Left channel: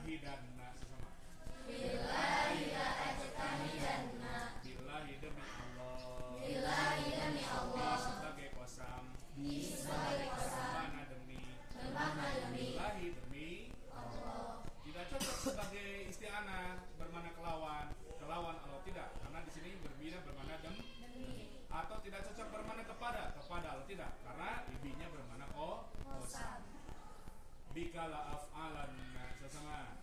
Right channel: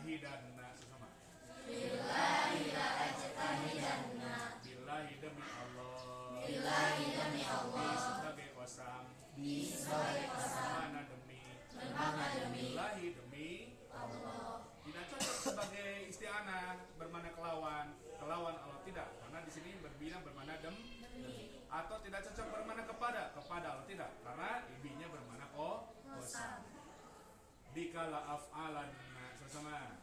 ajtahidanna sesama. Billahi la ajtahidanna. Billahi demi Allah. Billahi demi Allah. Sebagai kosam. Sebagai kosam. Mana demi. Mana demi. Billahi demi Allah. Tidak cocok sebagai isti'anah bermana kelawan Allah tidak, karena di sini berbina bermana demi. Atau tidak cocok bermana kepada Allah tidak, karena ibinya bermana kosam. Bikala af'alan sesama.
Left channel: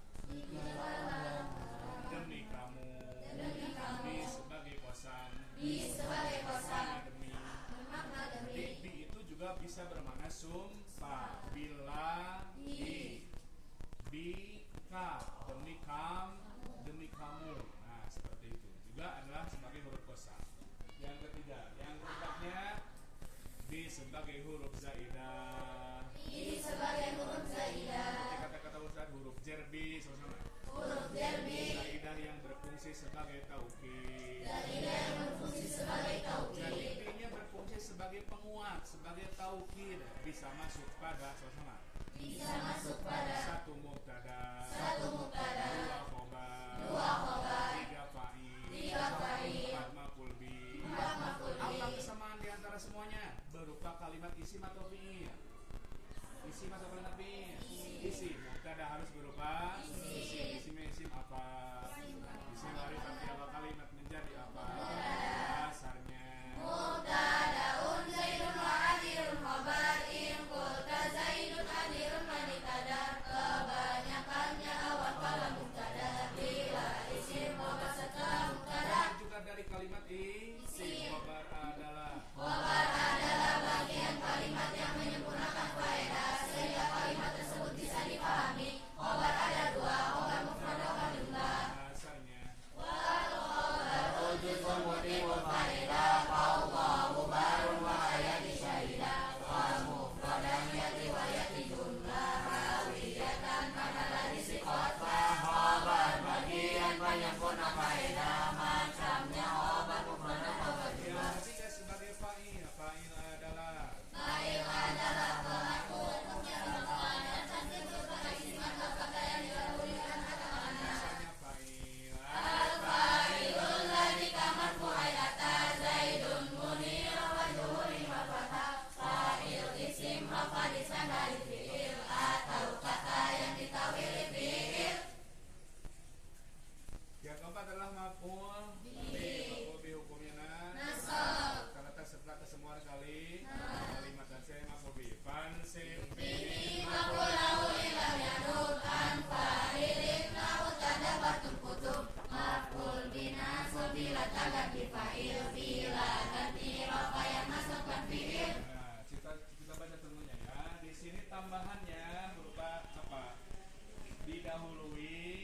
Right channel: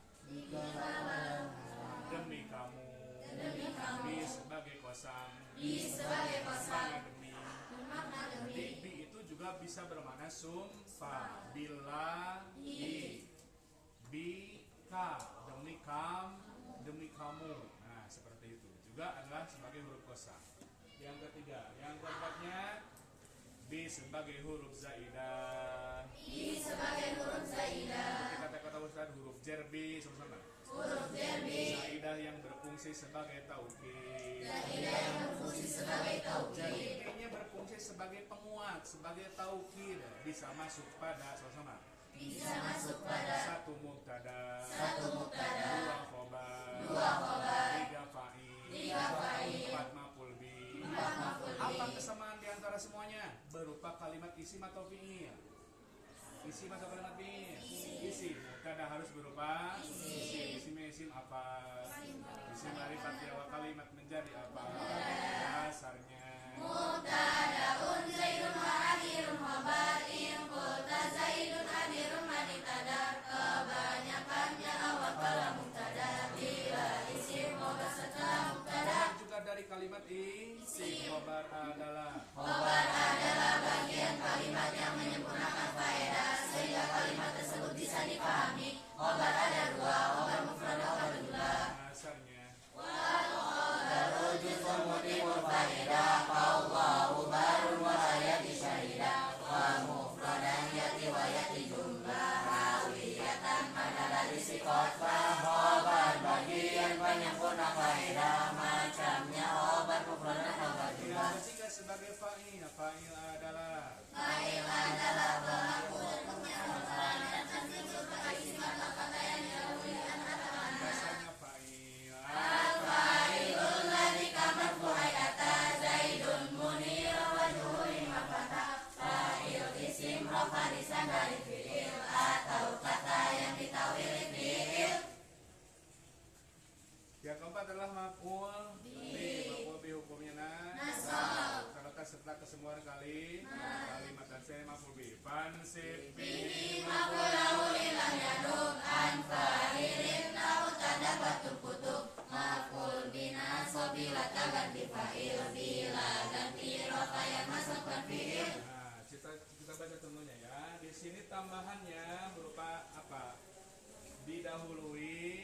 Demi kamu. Demi kamu. Bi sebagai kosam. Bi sebagai kosam. Demi. Bermakna demi. Jadi bi itu juga bisa bermana sumpah. Bila bika demi kamu. Nah, seperti itu. Juga adalah sebagai huruf kosam. Yang ketiga, yang keempatnya bi sebagai huruf zaidah. Bi sebagai huruf zaidah. Kata-kata Ustaz huruf jerbi sama-sama. Huruf jerbi. Zaidah yang berfungsi sebagai taukid. Zaidah yang berfungsi sebagai taukid. Zaidahnya berfungsi sebagai penguat, sebagai taukid, bisa masuk pada sama-sama. Bisa masuk pada Satu mubtada. Dua khobar. Tiga fa'il. Empat maf'ul bi. Apa kesamaan di antara semuanya? Berupa kalimat isim atau fi'il. Isim atau kalimat fi'il? Isim. Mubtada harus berupa isim apa? Isim ma'rifat ya kalimat menjadi apa? Dasarnya Mubtadaun Zaidun wa hadirun khabar in qulta Zaidun hadirun manitadar. Kebanyakannya awal pada mubtada bila isim khabar setelah mubtada. juga dari kalimat isim. Khabar adalah Bagian kalimat yang menyempurnakan faedah sehingga kalimat tersebut bisa dipahami. Khabar ada dua, khabar mufrad dan khabar jumlah. dasarnya Rujukun mutibul faidah Allahu barun wa hayati syahidah wa mufradan yati wa yati jumlah rawiyatan adalah isi khotbah. Khobar bagian penyempurna faedah macamnya khobar mufrad dan khobar jumlah. ketiga sebagai fa'il. Fa'il adalah pelaku dan penyampaian dan tersebut pada isim atau kata yang didahulukan atau anda. dasarnya fa'il. Al-fa'ilul ladzi kamar fu'ailata Zaidun munir wa juhurin wa fatah. Fa'il isim rafa disandari fi'il atau kata yang ditawili fi'il. Yang keempat adalah maf'ul bi. Maf'ul bi hukumnya Nasab. kata serta kesemuan kali kalimat dan saya maf'ul bi. Fansib bi. Ma'qulahu ilam yadub an fa'ilin lahu tadabatul kutub. Maf'ul bina sobila ganti fa'il bila ganti rafa yang masukkan fi'il. Nah, kita baca tentunya ya. Di sini tambahannya berupa apa? Didahului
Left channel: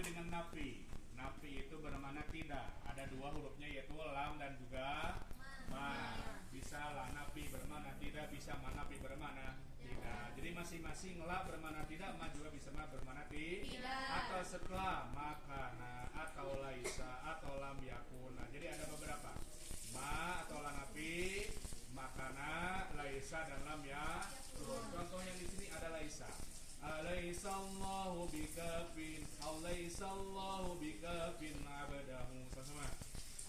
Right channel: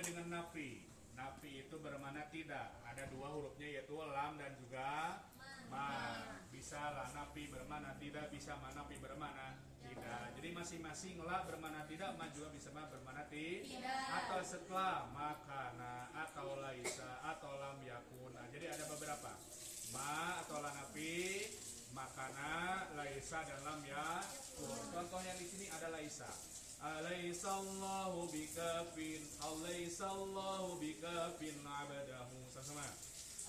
dengan nafi. Nafi itu bermakna tidak. Ada dua hurufnya yaitu lam dan juga ma. Bisa lah nafi bermakna tidak, bisa ma nafi bermakna tidak. Jadi masing-masing la bermakna tidak, ma juga bisa ma bermakna tidak. Atau setelah makana atau laisa atau lam yakun. Nah, jadi ada beberapa. Ma atau la nafi, makana, laisa dan lam yakun. Contoh yang di sini ada laisa. Alaihissallahu bikafin Alaihissallahu bikafin abadahu. Sama-sama.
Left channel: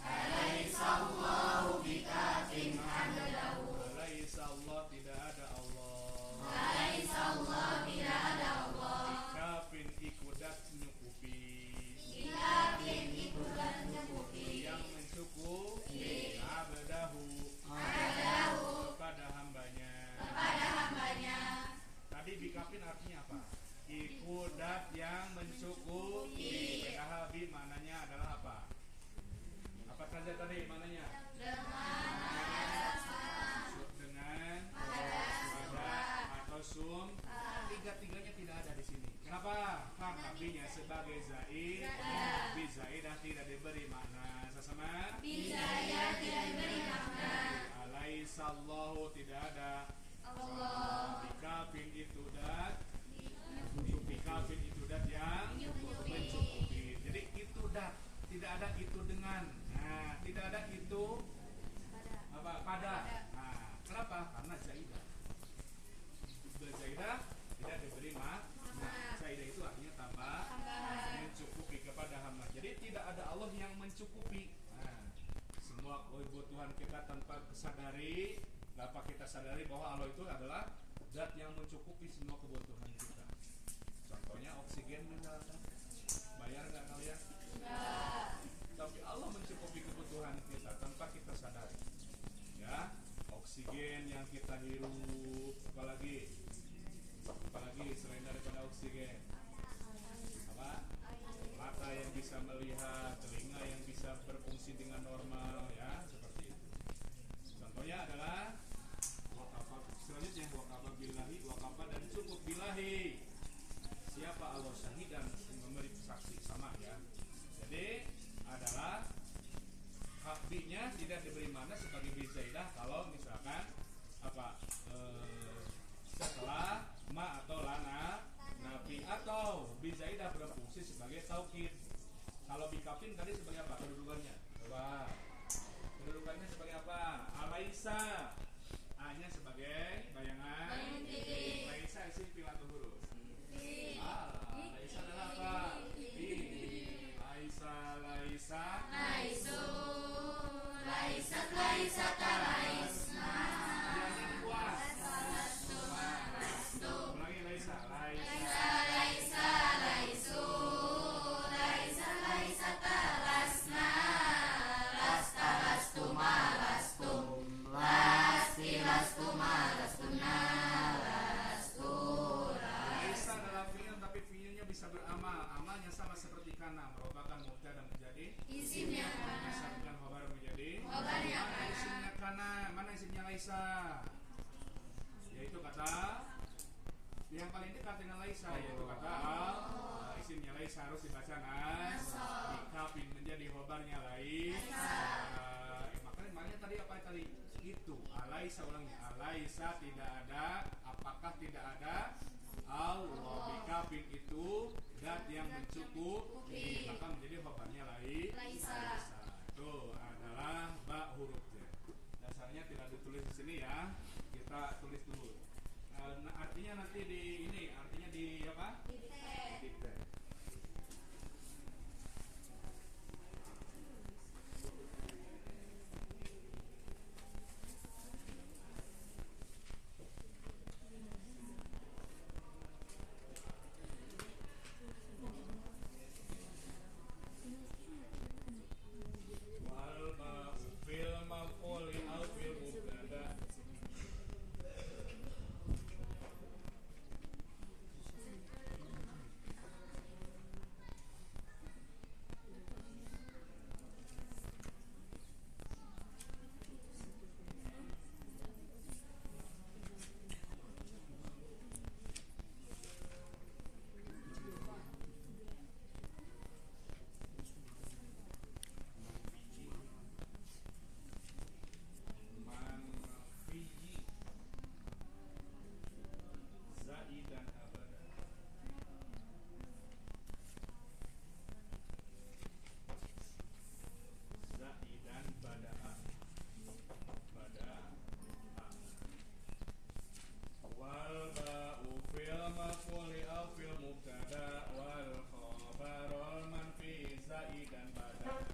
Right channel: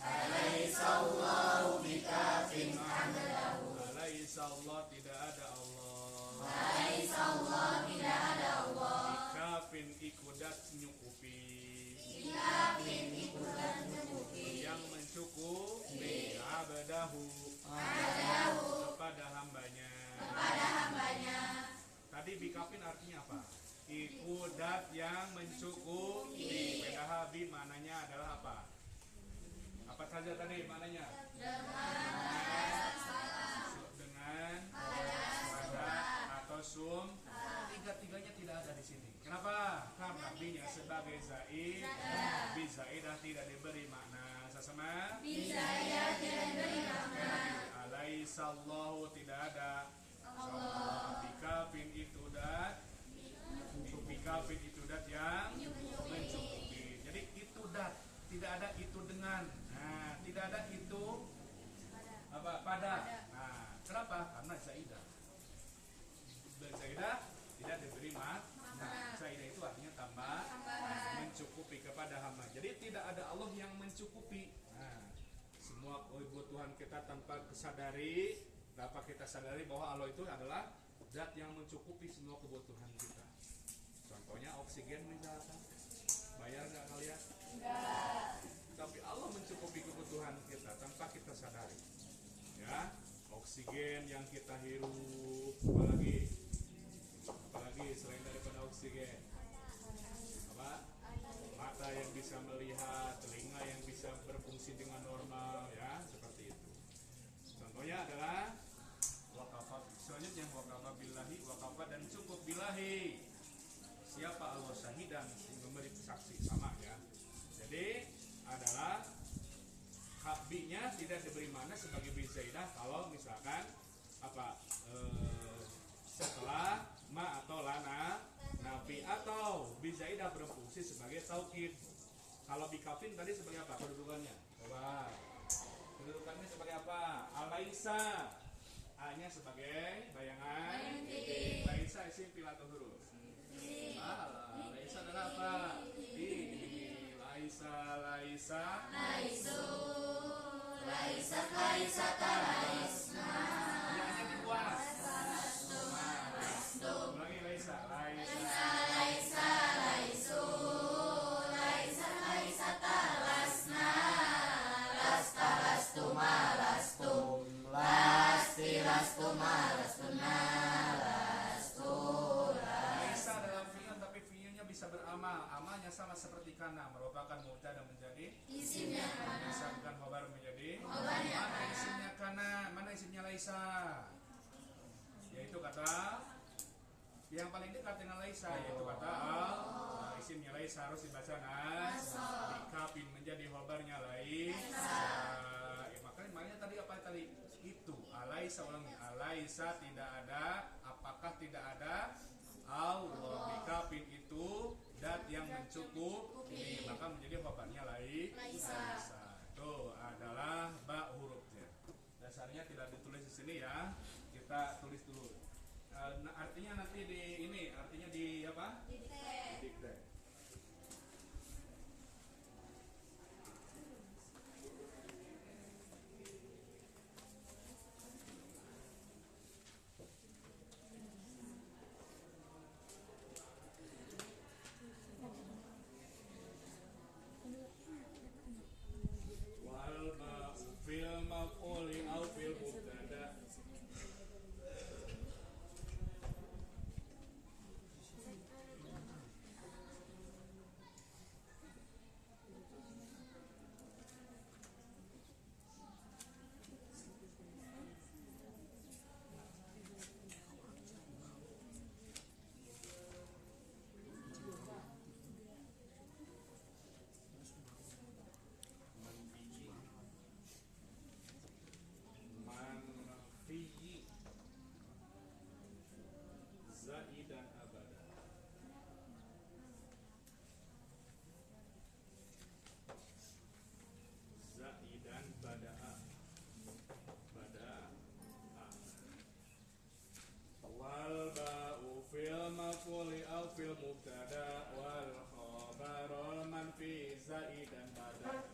Alaihissallahu bikafin abdahu. Alaihissallah tidak ada Allah. Alaihissallah tidak ada Allah. Bikafin ikudat nyukupi. Bikafin ikudat nyukupi. Yang mencukupi abadahu kepada hambanya. Tadi bikafin artinya apa? Ikudat yang mencukupi. PKH bi mananya adalah apa? Apa saja tadi mananya? Dengan pada atau sum. Tiga-tiganya tidak ada di sini. Kenapa? Karena binya sebagai zaid. Bi zaidah tidak diberi makna. Sesama? Bi zaidah tidak diberi makna. Alaihissallahu tidak ada Allah. Bikafin itu dat. Bikafin itu dat yang mencukupi. Jadi itu dat, tidak ada itu dengan. Nah, tidak ada itu apa pada. Nah, kenapa? Karena zaidah. Zaidah tidak diberi makna. Zaidah itu mencukupi kepada hamba. Jadi tidak ada Allah yang mencukupi. Nah, semua kebutuhan kita tanpa kesadari, dapat kita sadari bahwa Allah itu adalah zat yang mencukupi semua kebutuhan kita. Contohnya oksigen misalkan, bayar nggak kalian? Enggak. Tapi Allah mencukupi kebutuhan kita tanpa kita sadari. Ya, oksigen yang kita hirup, apalagi selain daripada oksigen, apa? Mata yang bisa melihat, telinga yang bisa berfungsi dengan normal, ya, seperti itu. Contohnya adalah wakafa. Selanjutnya wakafa billahi, wakafa dan cukup billahi. Siapa Allah syahidan memberi saksi, sama ya. Jadi adalah hakbinya tidak diberi mana sebagai bizaidah kalau misalkan apa setelah ma atau lana nafi atau bizaidah berfungsi sebagai taukid. Kalau bikafin tadi sebagai apa kedudukannya? Coba kedudukannya sebagai apa? Alaisa, A-nya sebagai bayangan Laisa isim fi'il atau huruf? Laisa adalah apa? Laisa Laisu Laisat Laisata Laisna Hanya dibuang. Ulangi Laisa Laisa Laisu Laisat Laisata Lasna Lasta Lastuma Lastum Lasti Lastuma Lastuna Lastura. Laisa adalah fi'il tapi fi'ilnya bisa beramal. Amalnya sama seperti kana, merupakan mubtada menjadi Isimnya kana. disambungkan khabar menjadi Khabarnya mana kana. isimnya kana, mana isimnya Laisa? Yaitu kata yang paling dekat dengan Laisa, yaitu kata isimnya Laisa harus dibaca nas dikapin menjadi khabarnya Laisa. Makanya tadi apa tadi? Itu Alaisa, ulangi. Alaisa tidak ada, apakah tidak ada? Allah bikafin itu dat yang mencukupi, maka menjadi khabarnya Laisa. Itu adalah ba hurufnya. Dasarnya tidak ditulis di sini ya. Kita tulis dulu. Artinya nanti di ini, artinya di apa? Dikte. Wal fil maf'uli au fil mubtada. Manfiyi zaidan abada. Zaidan bada'a wal ba'u fil maf'uli au fil mubtada wal khabaru manfi zaidan bada'a.